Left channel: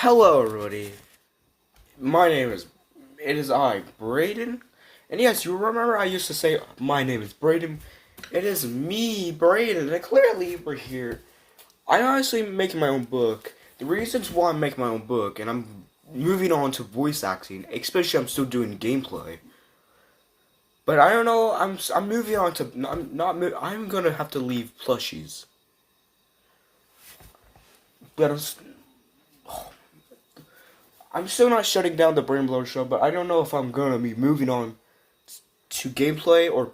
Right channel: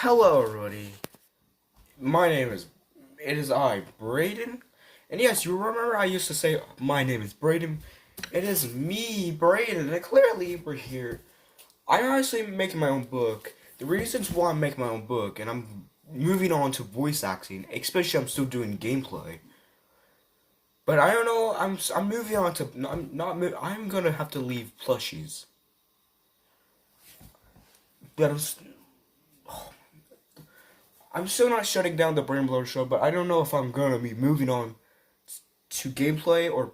Hello, everybody. My name is. It is I, Braden. And yes, you remember I used to say my name is Braden. It is me, Braden. And clearly, we're here. I'm honestly making my own book. The reasons why I'm making my own book, and I'm moving on to voice acting, especially I'm still doing gameplay. But I don't know. I'm moving on to. I'm gonna have to leave plushies. But I'm still not shutting down the Brain Blower show, but I don't know if I'm gonna be moving on to gameplay or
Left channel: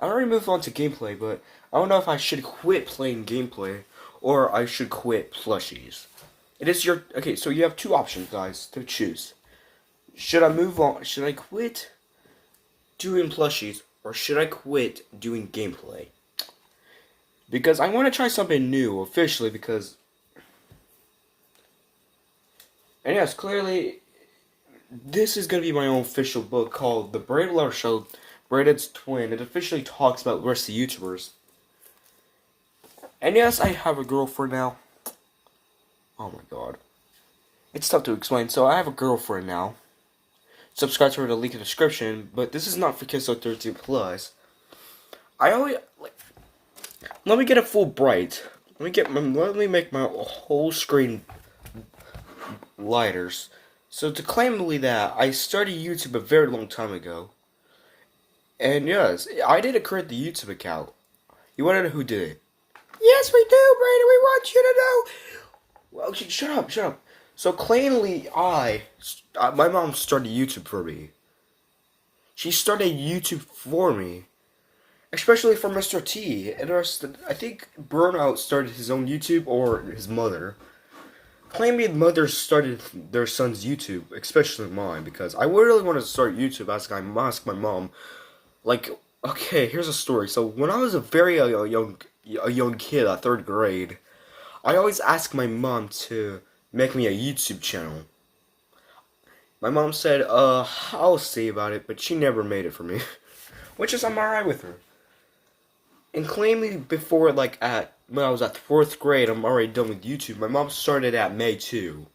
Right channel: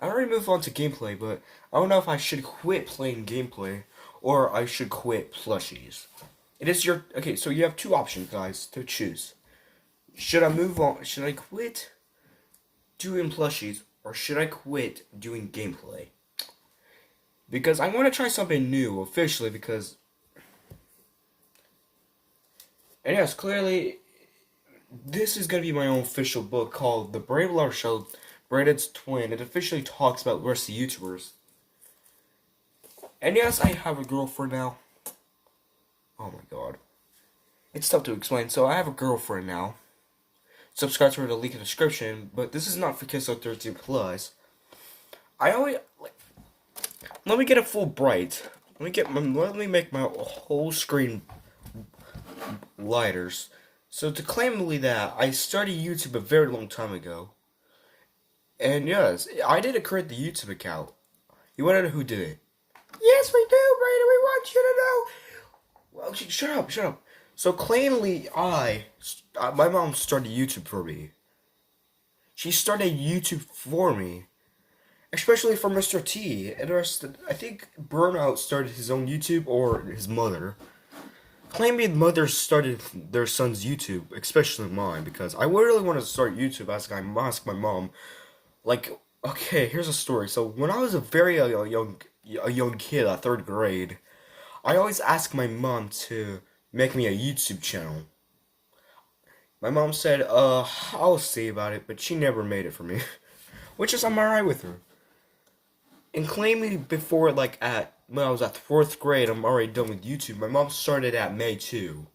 I already moved on to gameplay, but I don't know if I should quit playing gameplay or I should quit plushies. It is your okay. So you have two options, guys, to choose. Should I move on? Should I quit doing plushies or should I quit doing gameplay? Because I want to try something new officially. Because and yes, clearly this is gonna be my own official book called The Brave Lover Show, Braided's Twin. It officially talks about the rest of the YouTubers. And yes, I have a girlfriend now. Oh my god. It's tough to explain. So I have a girlfriend now. Subscribe to her, the link in the description. But this is not for kids of 13 plus. I always let me get a full bright. Let me make my whole screen lighters. So to claim that, I started YouTube a very long time ago. And yes, I didn't create the YouTube account. You wanna know who did it? Yes, we do, Brady. We want you to know. Well, shut up, shut up. So plainly, my mom started YouTube for me. She started YouTube for me, especially for Mr. T. And I think Burnout started his own YouTube or his mother. Claiming mothers started their son's YouTube, especially mine, because I really wanted to start YouTube. I asked my mom, like, okay, here's a story. So when I was a very young kid at third grade, I always asked my mom to make me a YouTube channel. My mom said, I'll see about it, but she never made it for me. Which is, I'm alright with her. And claiming before, when I was at 4th grade, I'm already done with YouTube. My mom started at May 2.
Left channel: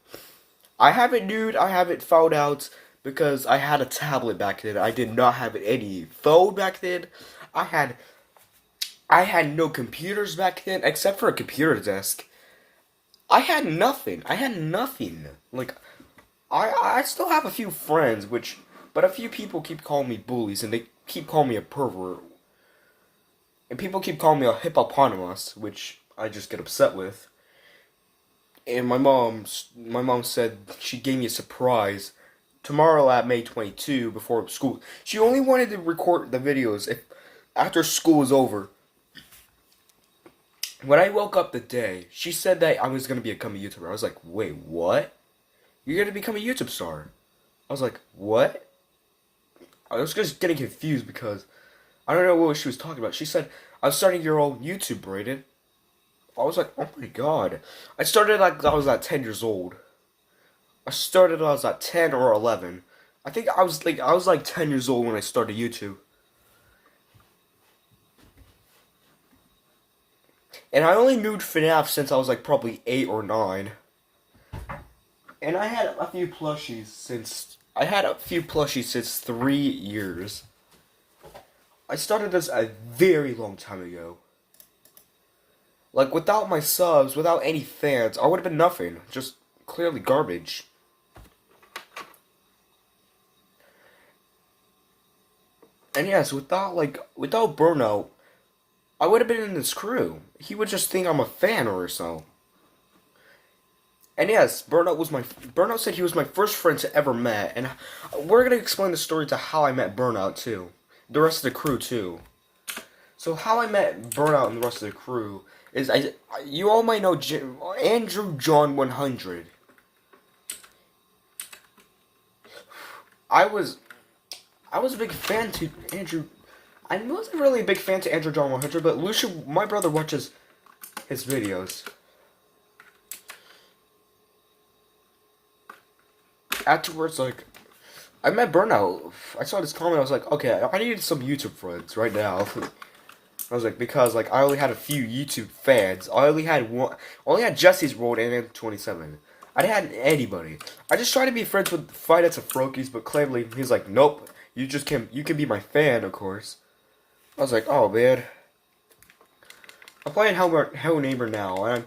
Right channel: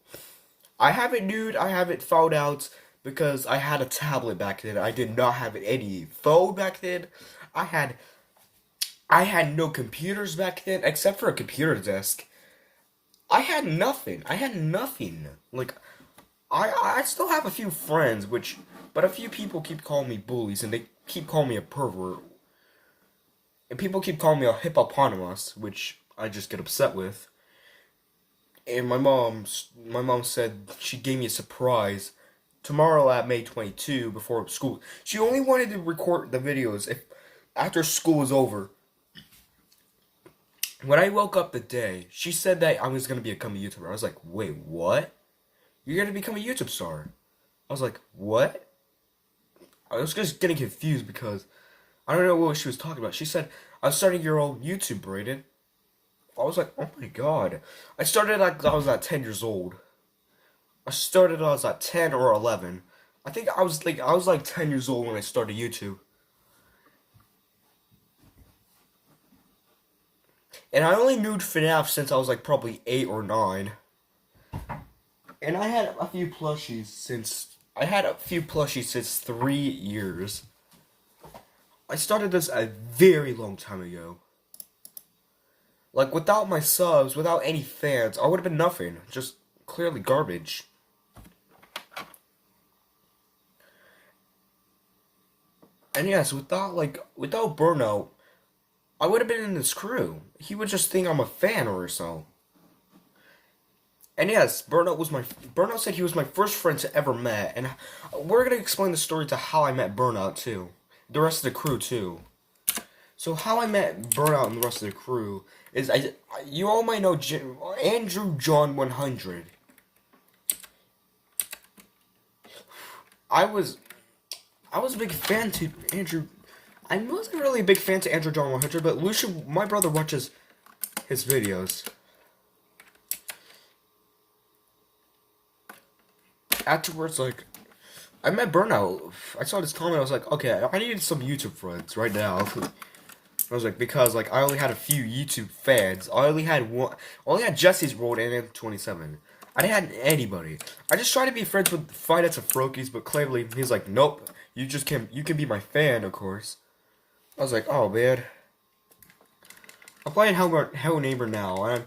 I haven't found out because I had a tablet back then. I did not have any phone back then. I had no computers back then, except for a computer desk. I had nothing. Like, I still have a few friends, but a few people keep calling me bullies, and they keep calling me a pervert. And people keep calling me a hippopotamus, which I just get upset with. And my mom said she gave me a surprise tomorrow at May 22 before school. She only wanted to record the videos if after school was over. When I woke up the day, she said that I was going to become a YouTuber. I was like, wait, what? You're going to become a YouTube star? I was like, what? I was just getting confused because I don't know what she was talking about. She said, I'm starting your own YouTube, Braden. I was like, oh my god. I started like I was at 10 years old. I started when I was at 10 or 11. I think I was like 10 years old when I started YouTube. And I only knew FNAF since I was like probably 8 or 9. And I had a few plushies since 3 years. I started this a very long time ago. Like, without my subs, without any fans, I would have been nothing. Just clearly garbage. And yes, without Burnout, I would have been in this crew. He would just think I'm a fan or so. And yes, Burnout said he was my first friend to ever met, and we're gonna explain the story to how I met Burnout too. The rest of the crew too. So how I met Burnout and the rest of the crew is you all might know Andrew John 100. I was a big fan to Andrew. I wasn't really a big fan to Andrew John 100, but Lucia, my brother, watches his videos. Afterwards, I met Burnout. I saw this comment. I was like, okay, I need some YouTube friends right now. I was like, because I only had a few YouTube fans. I only had Jesse's World and M27. I didn't have anybody. I just tried to be friends with Finance and Frokies, but Clamley, he's like, nope, you can be my fan, of course. I was like, oh man. I'm playing Hello Neighbor now, and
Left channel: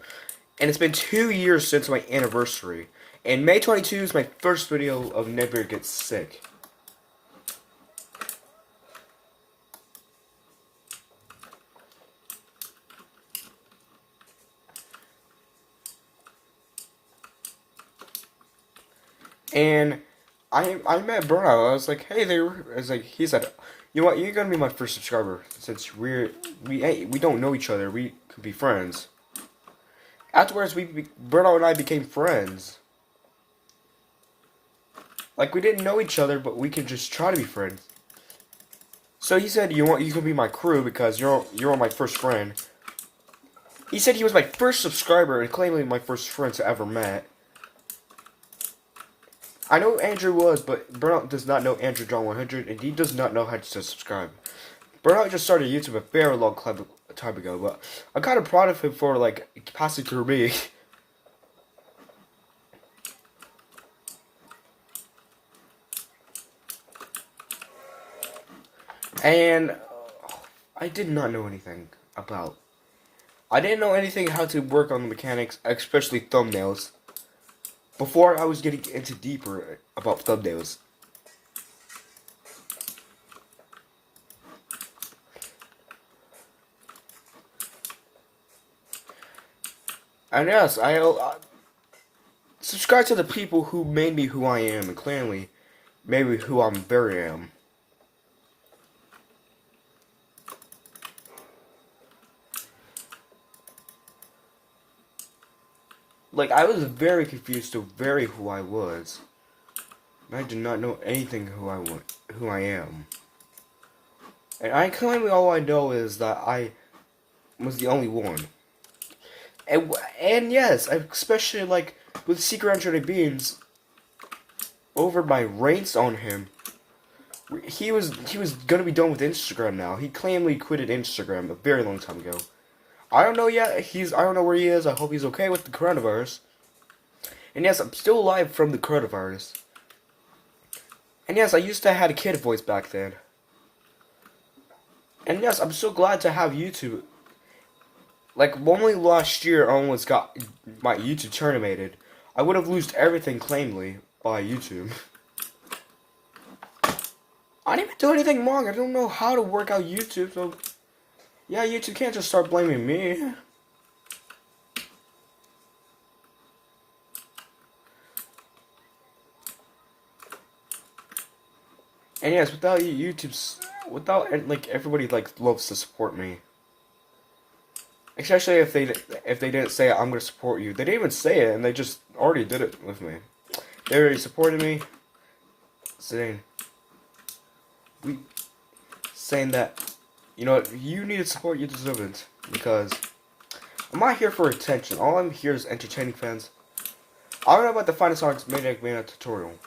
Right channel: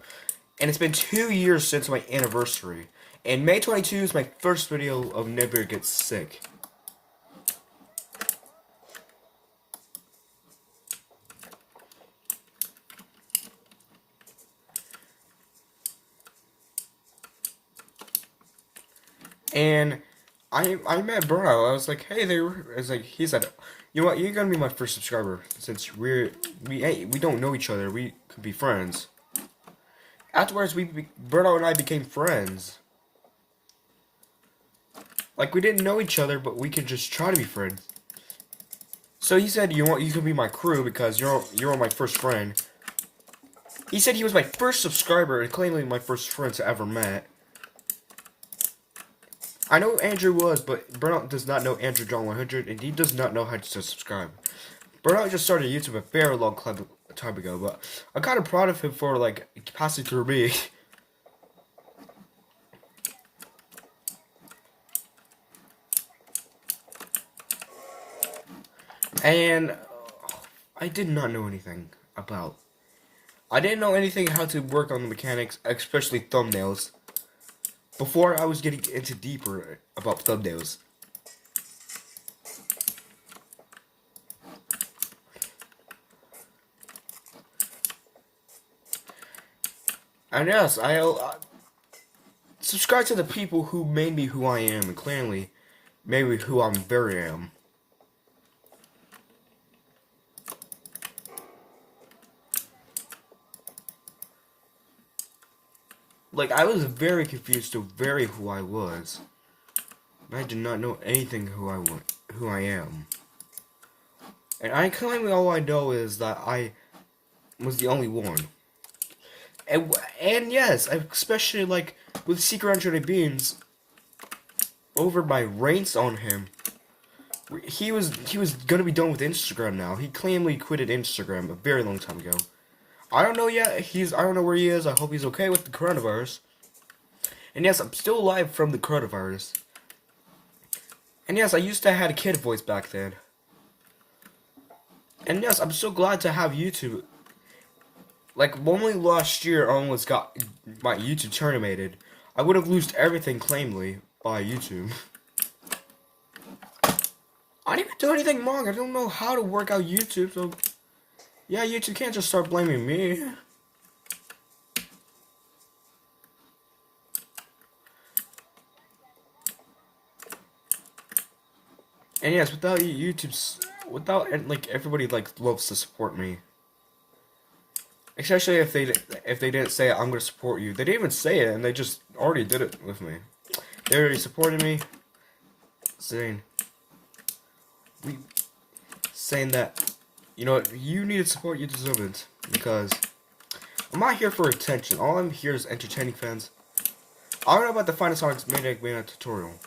it's been 2 years since my anniversary. And May 22 is my first video of Neighbor Gets Sick. And I met Bruno. I was like, hey there. I was like, he said, you know what? You're gonna be my first subscriber since we don't know each other. We could be friends. Afterwards, Bruno and I became friends. Like we didn't know each other, but we could just try to be friends. So he said, you can be my crew because you're my first friend. He said he was my first subscriber and claiming my first friends I ever met. I know Andrew was, but Burnout does not know Andrew John 100, and he does not know how to subscribe. Burnout just started YouTube a very long time ago, but I'm kind of proud of him for like passing through me. And I did not know anything about. I didn't know anything how to work on the mechanics, especially thumbnails. Before I was getting into deeper about thumbnails. And yes, I subscribe to the people who made me who I am, and clearly made me who I'm very am. Like, I was very confused to very who I was. I did not know anything who I am. And I claim all I know is that I was the only one. And yes, especially like with Secret Android Beans, over my rants on him, he was gonna be done with Instagram now. He claimed he quitted Instagram a very long time ago. I don't know yet. I don't know where he is. I hope he's okay with the coronavirus. And yes, I'm still alive from the coronavirus. And yes, I used to have a kid voice back then. And yes, I'm so glad to have YouTube. Like, only last year I almost got my YouTube terminated. I would have lost everything claimly by YouTube. I didn't even do anything wrong. I don't know how to work out YouTube, so yeah, YouTube can't just start blaming me. And yes, without like everybody like loves to support me. Especially if they didn't say I'm gonna support you. They didn't even say it, and they just already did it with me. They already supported me, saying that, you know, you need to support, you deserve it, because I'm not here for attention. All I'm here is entertaining fans. I don't know about the Final Sonics Maniac Mania tutorial.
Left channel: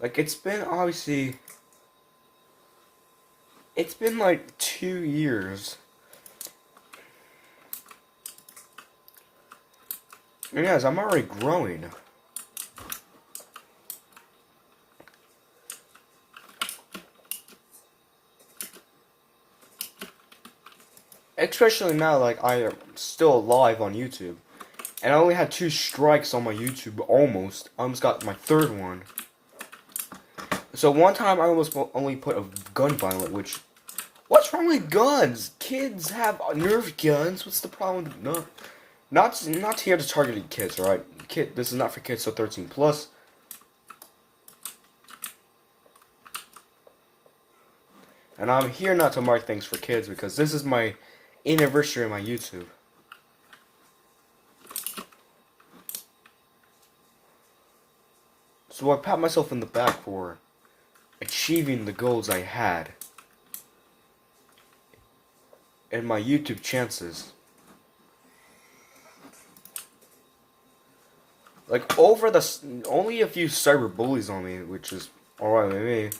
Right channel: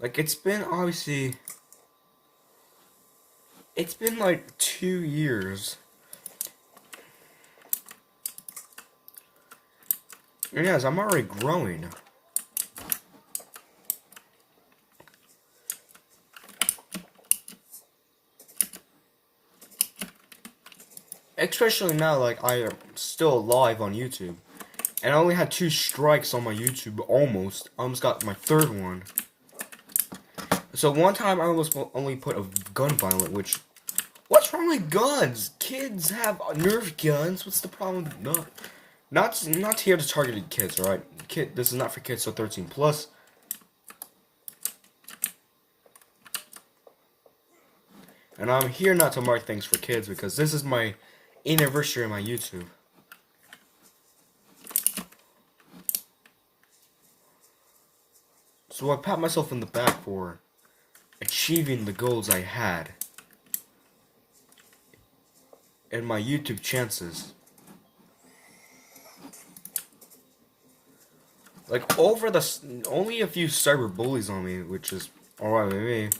Like, it's been like 2 years. And yes, I'm already growing. Especially now, like, I am still alive on YouTube. And I only had 2 strikes on my YouTube, almost. I almost got my 3rd one. So one time I almost only put a gun violent, which... What's wrong with guns? Kids have Nerf guns. What's the problem? Not here to target kids, alright? This is not for kids, so 13 plus. And I'm here not to mark things for kids because this is my anniversary of my YouTube. So I pat myself in the back for achieving the goals I had and my YouTube chances. Like, only a few cyber bullies on me, which is alright with me.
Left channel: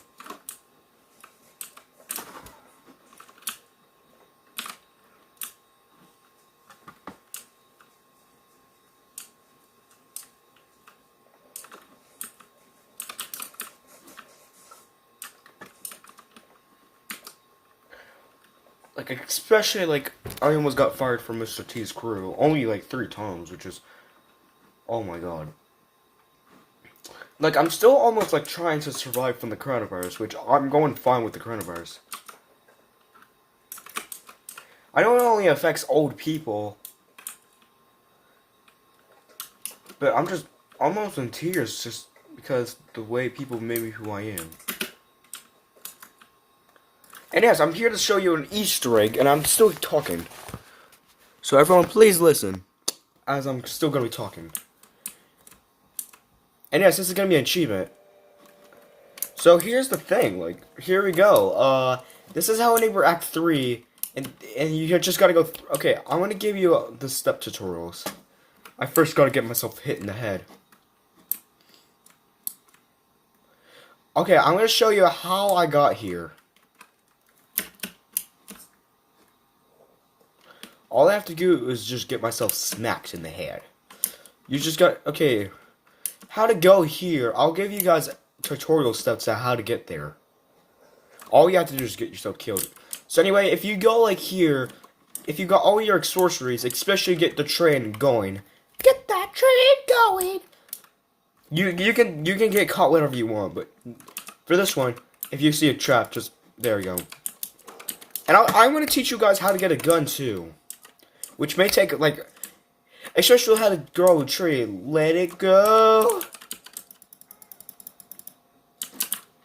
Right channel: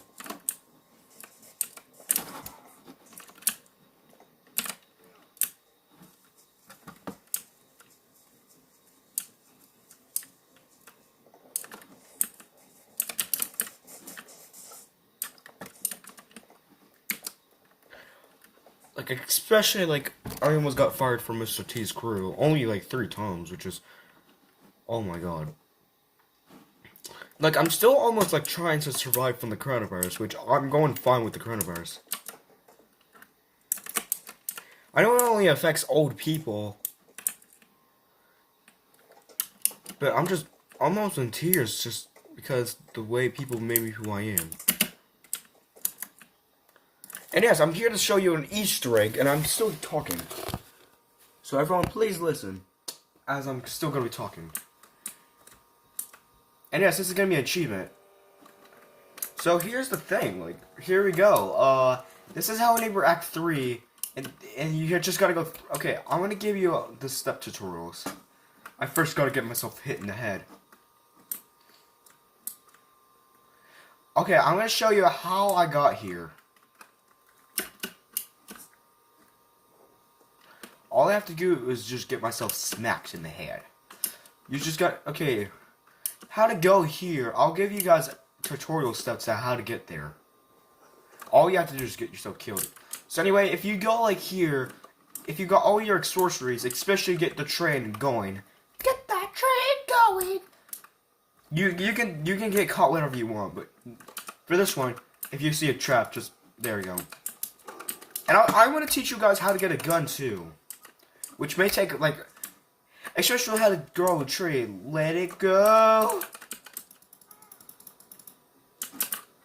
Like, especially, like, I almost got fired from Mr. T's crew. Only, like, 3 times, which is... Oh my god. Like, I'm still almost, like, trying to survive from the coronavirus, which I'm going fine with the coronavirus. I know it only affects old people, but I'm just almost in tears just because the way people made me who I am. And yes, I'm here to show you an Easter egg, and I'm still talking. So everyone, please listen, as I'm still going to be talking. And yes, this is going to be an achievement. So here's the thing, like, here we go. This is Hello Neighbor Act 3, and you just gotta go, okay, I'm gonna give you the step tutorials. I first gotta get myself hit in the head. Okay, I'm gonna show you how I got here. All I have to do is just get myself smacked in the head. You just got, okay, how to go here. I'll give you guys tutorial steps on how to get there. All you have to do is get yourself killed. So anyway, if you go like here, if you got all your sorceries, especially get the train going. Get that train going! You can get caught whenever you want, but for this one, if you see a trap, just, there you go. And I'm going to teach you guys how to get a gun too. Which may take, like, especially how to grow a tree. Let it go.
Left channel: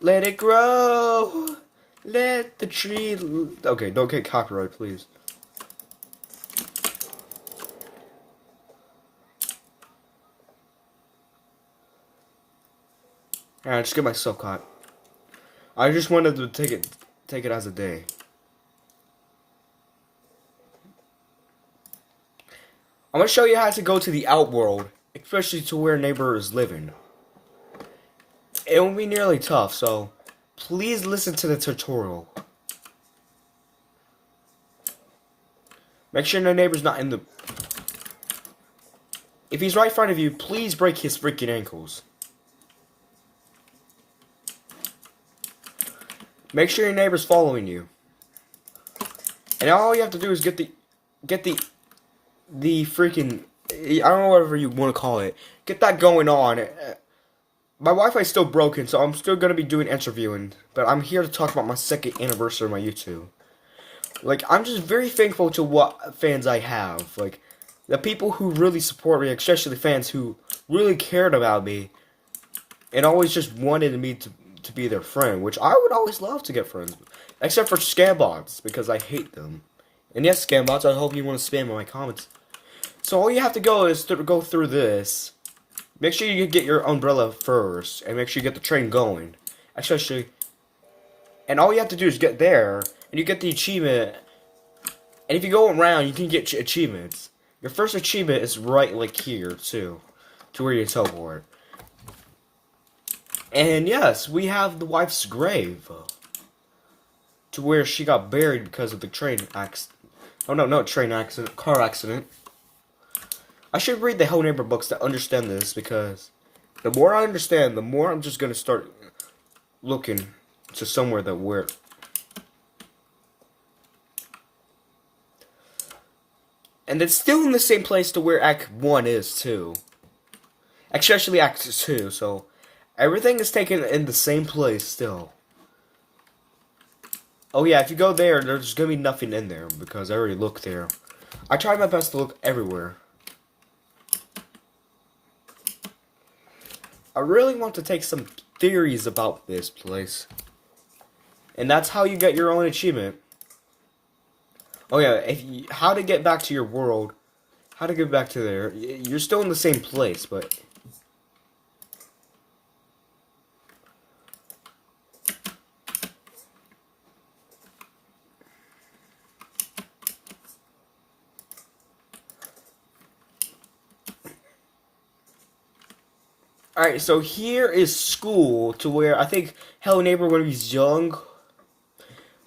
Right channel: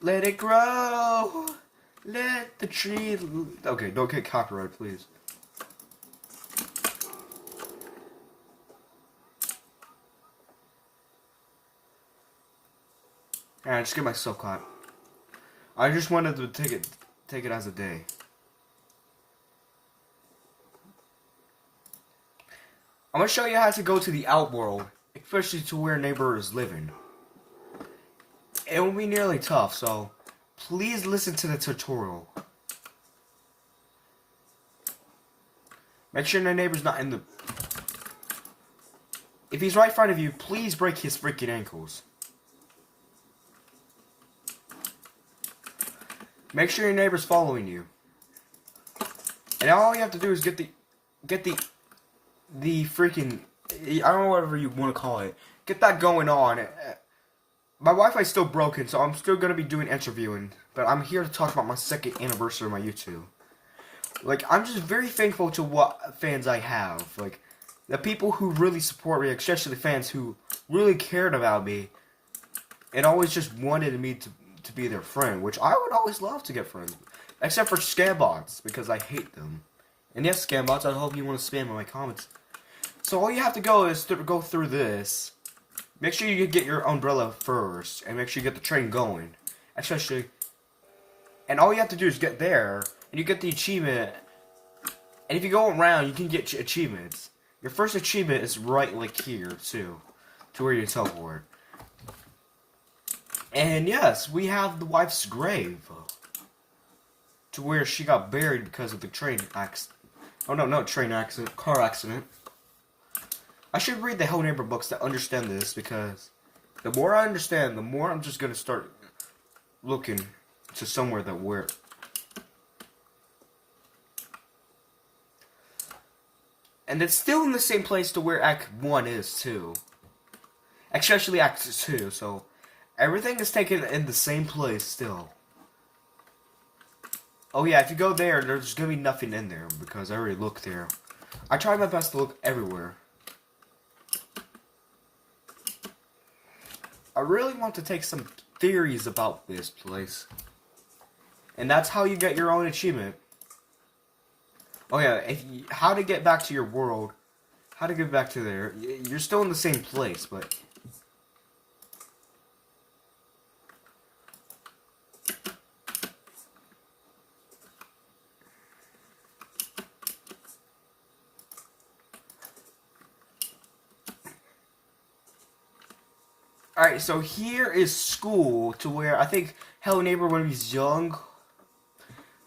Let it grow. Let the tree... Okay, don't get copyright, please. Alright, just get myself caught. I just wanted to take it as a day. I'm gonna show you how to go to the outworld, especially to where neighbor is living. It will be nearly tough, so please listen to the tutorial. Make sure the neighbor's not in the... If he's right in front of you, please break his freaking ankles. Make sure your neighbor's following you. And all you have to do is get the freaking, I don't know whatever you want to call it. Get that going on. My Wi-Fi's still broken, so I'm still going to be doing interviewing. But I'm here to talk about my 2nd anniversary of my YouTube. Like, I'm just very thankful to what fans I have. Like, the people who really support me, especially fans who really cared about me. And always just wanted me to be their friend. Which I would always love to get friends. Except for scam bots, because I hate them. And yes, scam bots, I hope you want to spam in my comments. So all you have to go is to go through this. Make sure you get your umbrella first, and make sure you get the train going. Especially, and all you have to do is get there, and you get the achievement. And if you go around, you can get achievements. Your first achievement is right like here, too. To where you teleport. And yes, we have the wife's grave. To where she got buried because of the train accident. Oh no, not train accident, car accident. I should read the Hello Neighbor books to understand this, because the more I understand, the more I'm just gonna start looking to somewhere that where. And it's still in the same place to where Act 1 is too. Especially Act 2, so everything is taken in the same place still. Oh yeah, if you go there, there's gonna be nothing in there, because I already looked there. I tried my best to look everywhere. I really want to take some theories about this place. And that's how you get your own achievement. Oh yeah, how to get back to your world. How to get back to there. You're still in the same place, but... Alright, so here is school, to where I think Hello Neighbor, when he's young,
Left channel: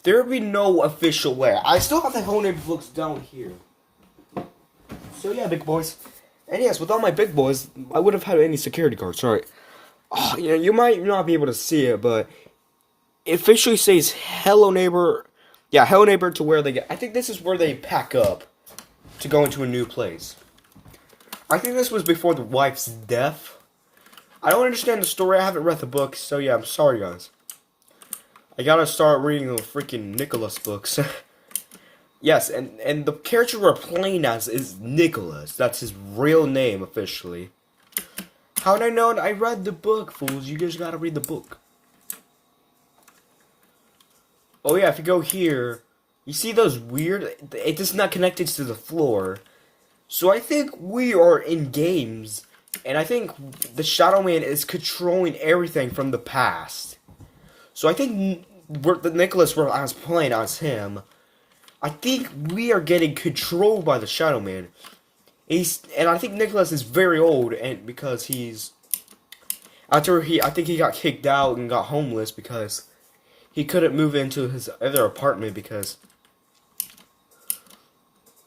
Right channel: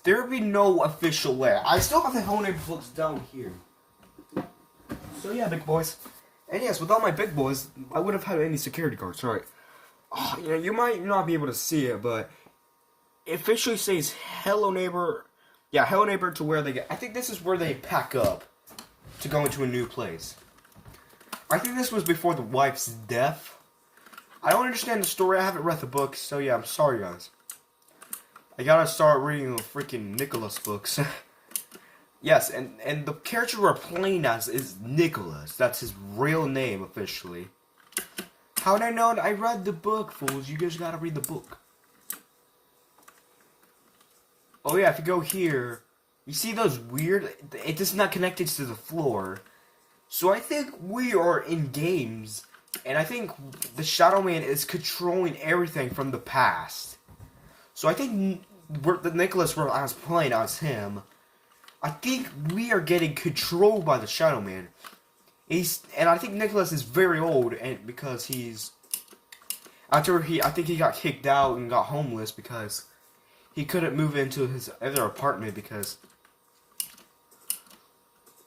there will be no official way. I still have the Hello Neighbor books down here. So yeah, big boys. And yes, without my big boys, I would have had any security guards, right? Oh, you know, you might not be able to see it, but it officially says Hello Neighbor Yeah, Hello Neighbor to where they get. I think this is where they pack up to go into a new place. I think this was before the wife's death. I don't understand the story. I haven't read the book, so yeah, I'm sorry, guys. I gotta start reading the freaking Nicholas books. Yes, and the character we're playing as is Nicholas. That's his real name officially. How'd I know? I read the book, fools. You guys gotta read the book. Oh yeah, if you go here, you see those weird... It is not connected to the floor. So I think we are in games, and I think the Shadow Man is controlling everything from the past. So I think the Nicholas I was playing as him. I think we are getting controlled by the Shadow Man. And I think Nicholas is very old, and because he's... I think he got kicked out and got homeless because he couldn't move into his other apartment because...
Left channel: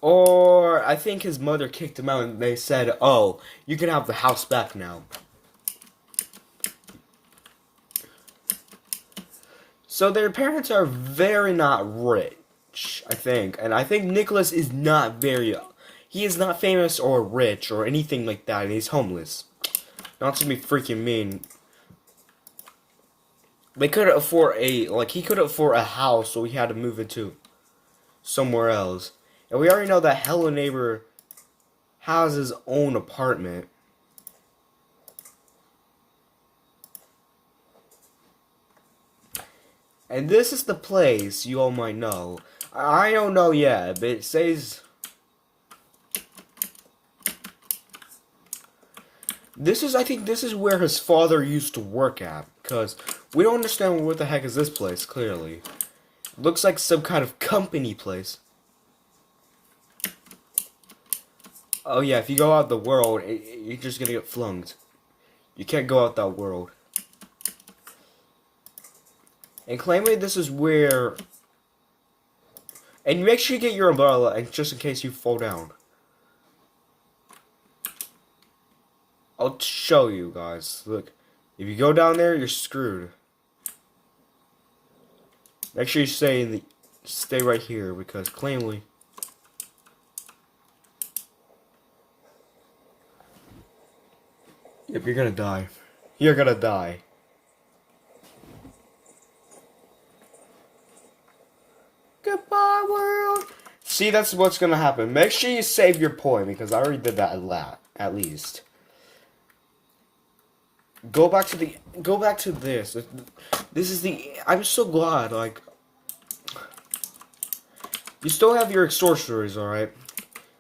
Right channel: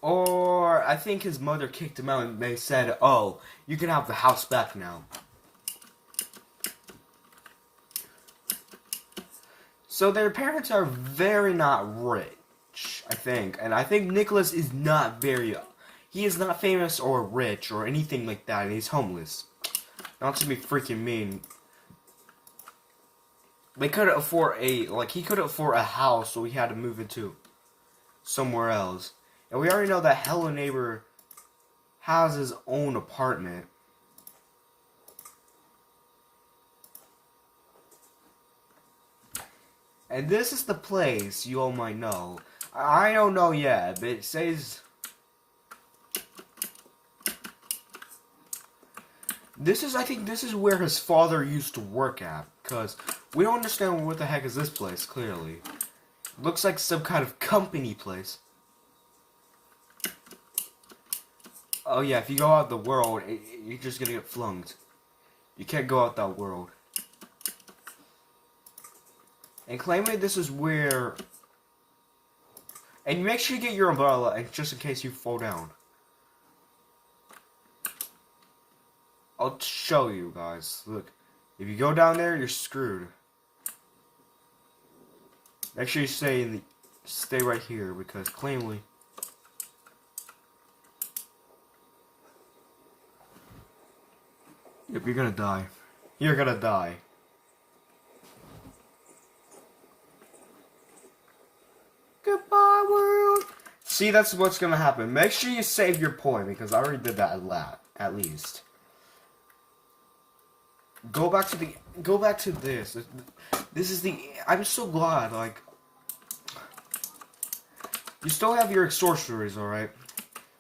Or I think his mother kicked him out and they said, oh, you can have the house back now. So their parents are very not rich, I think. And I think Nicholas is not very... He is not famous or rich or anything like that, and he's homeless. Not to be freaking mean. They couldn't afford he couldn't afford a house, so he had to move into somewhere else. And we already know that Hello Neighbor has his own apartment. And this is the place you all might know. I don't know yet, but it says... I think this is where his father used to work at, because we don't understand what the heck is this place, clearly. Looks like some kind of company place. Oh yeah, if you go out the world, you're just gonna get flunked. You can't go out that world. And claiming this is where... And make sure you get your umbrella, just in case you fall down. I'll show you guys. Look, if you go down there, you're screwed. Make sure you stay right here because cleanly. Yep, you're gonna die. You're gonna die. Goodbye, world. See, that's what's gonna happen. Make sure you save your point because I already did that a lot, at least. Go back to this. This is the... I'm so glad, like... You still have your extortioners, alright?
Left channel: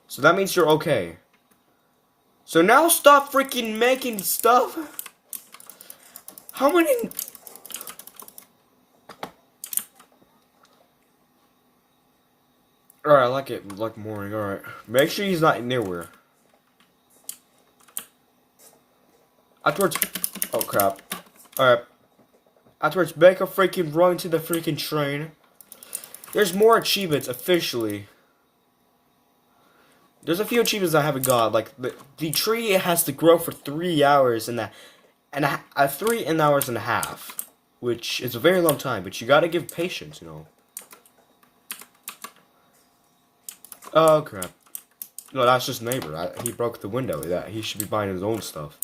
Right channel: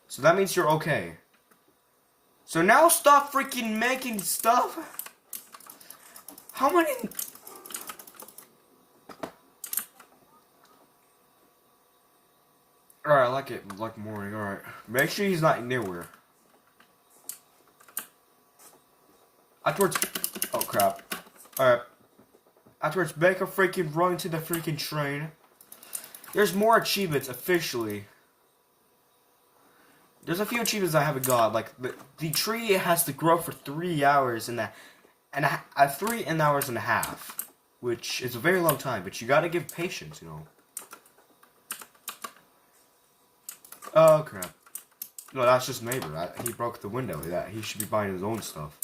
So that means you're okay. So now stop freaking making stuff. How many... Alright, I like it. Like morning, alright. Make sure he's not nearwhere. Afterwards... Oh crap. Alright. Afterwards, make a freaking run to the freaking train. There's more achievements officially. There's a few achievements I haven't got. Like the tree has to grow for 3 hours and 3 hours and a half, which is a very long time. But you gotta give patience, you know. Oh crap. No, that's just neighbor. He broke the window. He should be buying his own stuff.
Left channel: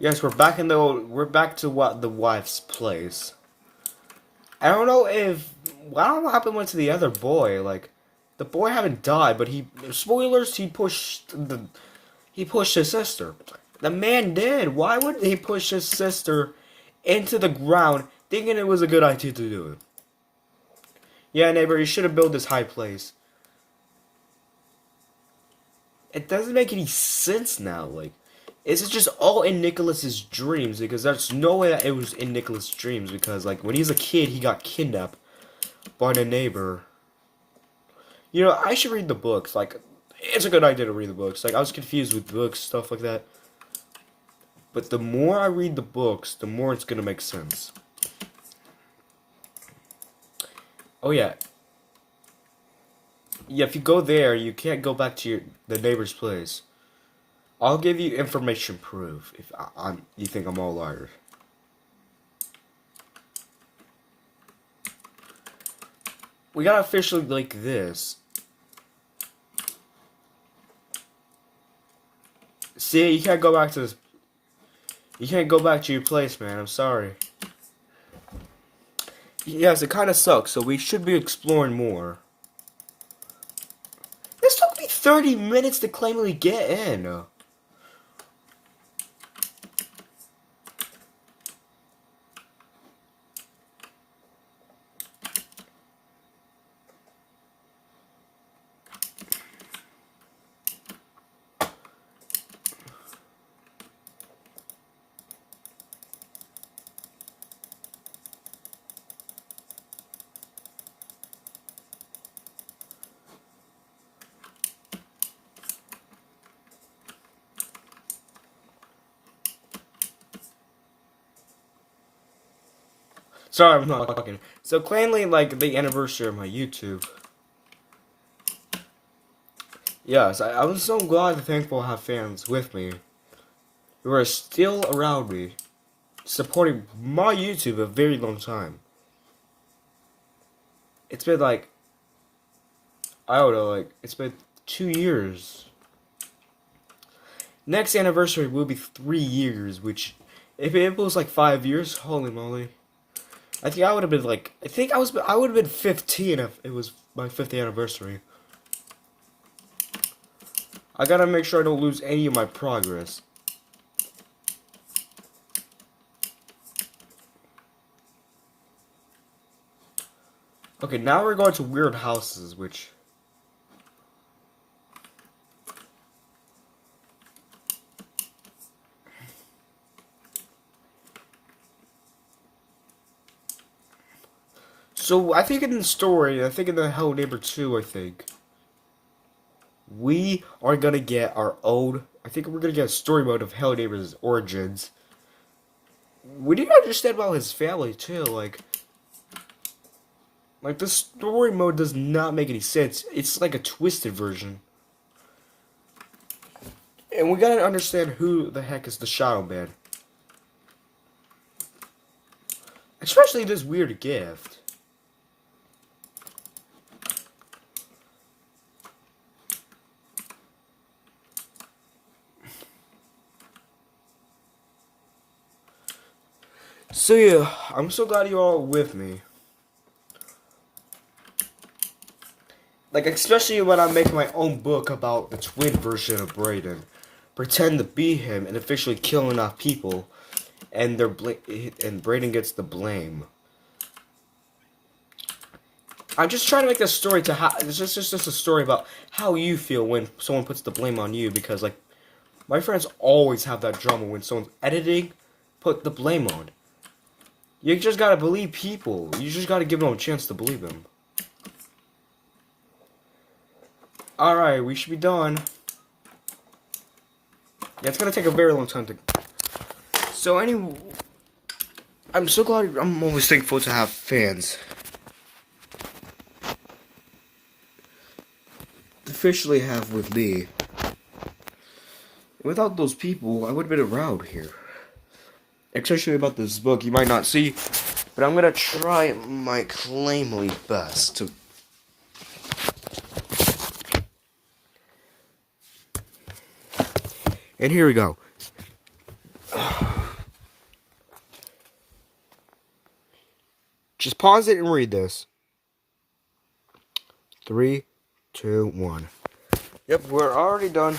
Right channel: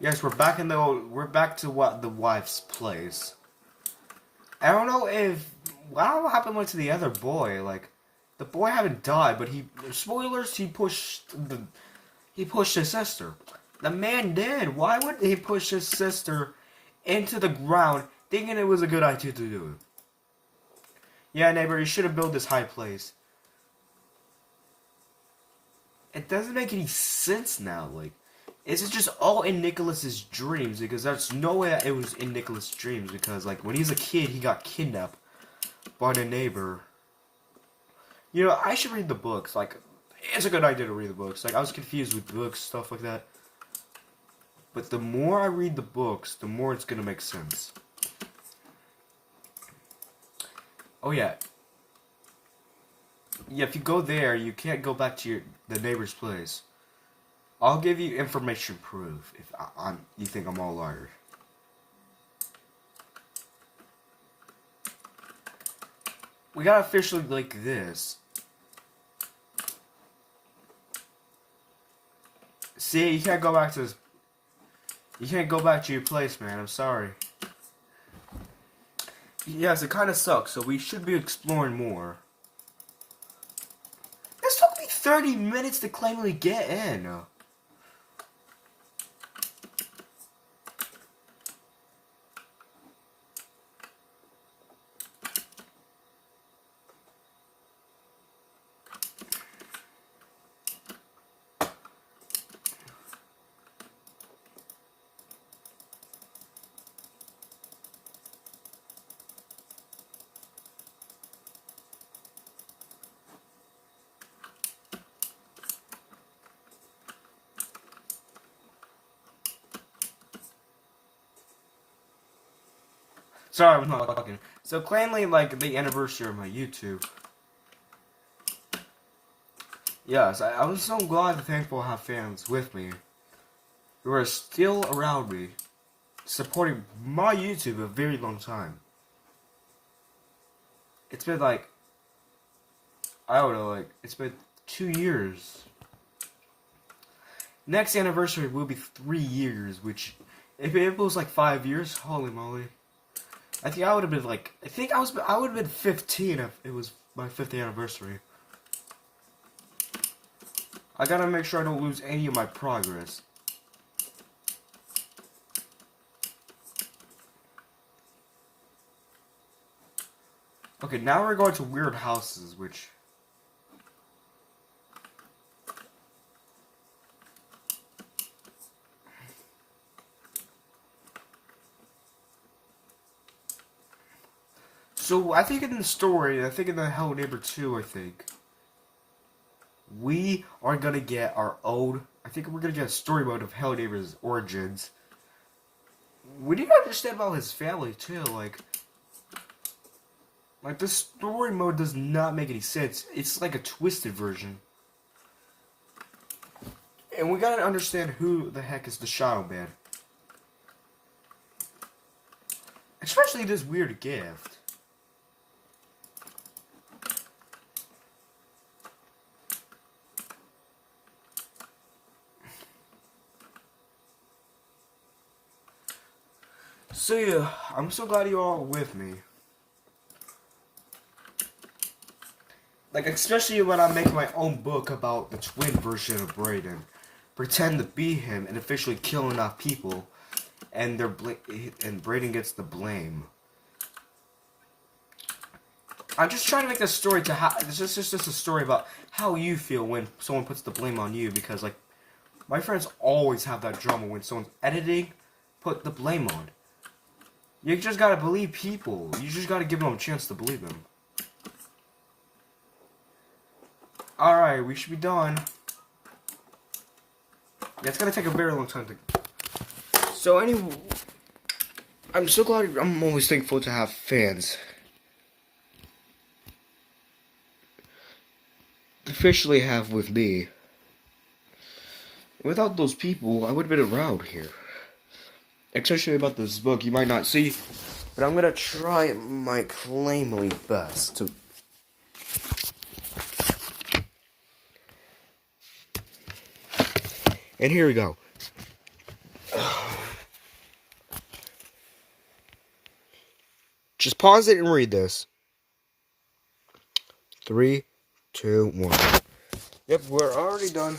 Yes, we're back to what the wife's place. I don't know what happened to the other boy. Like, the boy haven't died, but spoilers, he pushed his sister. The man did. Why would he push his sister into the ground, thinking it was a good idea to do it? Yeah, neighbor, you should have built this high place. It doesn't make any sense now, like... Is it just all in Nicholas's dreams? Because there's no way that it was in Nicholas's dreams. Because, like, when he was a kid, he got kidnapped by the neighbor. You know, I should read the books. Like, it's a good idea to read the books. Like, I was confused with books, stuff like that. But the more I read the books, the more it's gonna make sense. Oh, yeah. Yeah, if you go there, you can't go back to the neighbor's place. I'll give you information proof if you think I'm all liars. We got officially like this. See, you can't go back to this. You can't go back to your place, man. I'm sorry. Yes, it kind of sucks, so we should be exploring more. This took me 30 minutes to claimly get in. Sorry, I'm not talking. So, claimly, like, the anniversary of my YouTube. Yes, I'm so glad and thankful to have fans with me who are still around me, supporting my YouTube a very long time. It's been like, I don't know, like, it's been 2 years. Next anniversary will be 3 years, which, if it was like 5 years, holy moly. I think I would have been like, I would have been 15 if it was my 5th anniversary. I gotta make sure I don't lose any of my progress. Okay, now we're going to weird houses, which... So, I think in the story, I think in the Hello Neighbor 2, I think, we are gonna get our own... I think we're gonna get a story mode of Hello Neighbor's origins. We need to understand about his family, too, like, the story mode does not make any sense. It's like a twisted version. And we gotta understand who the heck is the Shadow Man. Especially this weird gift. So yeah, I'm so glad you all are with me. Like, especially when I'm making my own book about the twin version of Brayden. Pretend to be him and officially kill enough people, and and Brayden gets the blame. I'm just trying to make this story to how it's just a story about how you feel when someone puts the blame on you, because like my friends always have that drama when someone's editing, put the blame on. You just gotta believe people. You just gotta give them a chance to believe them. Alright, we should be done. Yeah, it's gonna take a very long time to... So anyway, I'm so glad, I'm always thankful to have fans. Officially have with me. Without those people, I would have been around here. Especially about this book, you might not see, but I'm gonna try my claimly best to... And here we go. Just pause it and read this. 3, 2, 1. Yep, we're already done.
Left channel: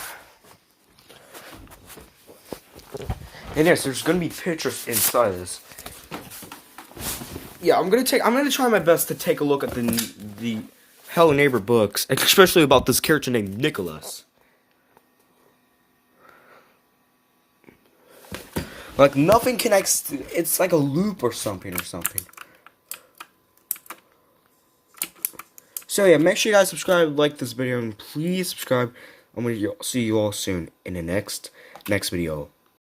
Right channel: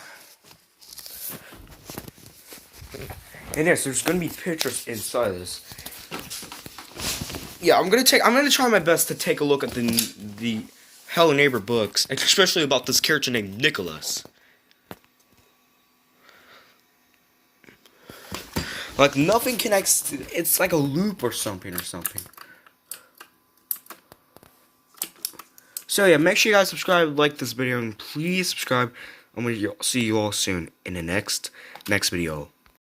And yes, there's gonna be pictures inside this. Yeah, I'm gonna try my best to take a look at the Hello Neighbor books, especially about this character named Nicholas. Like, nothing connects, it's like a loop or something. So yeah, make sure you guys subscribe, like this video, and please subscribe. I'm gonna see you all soon in the next video.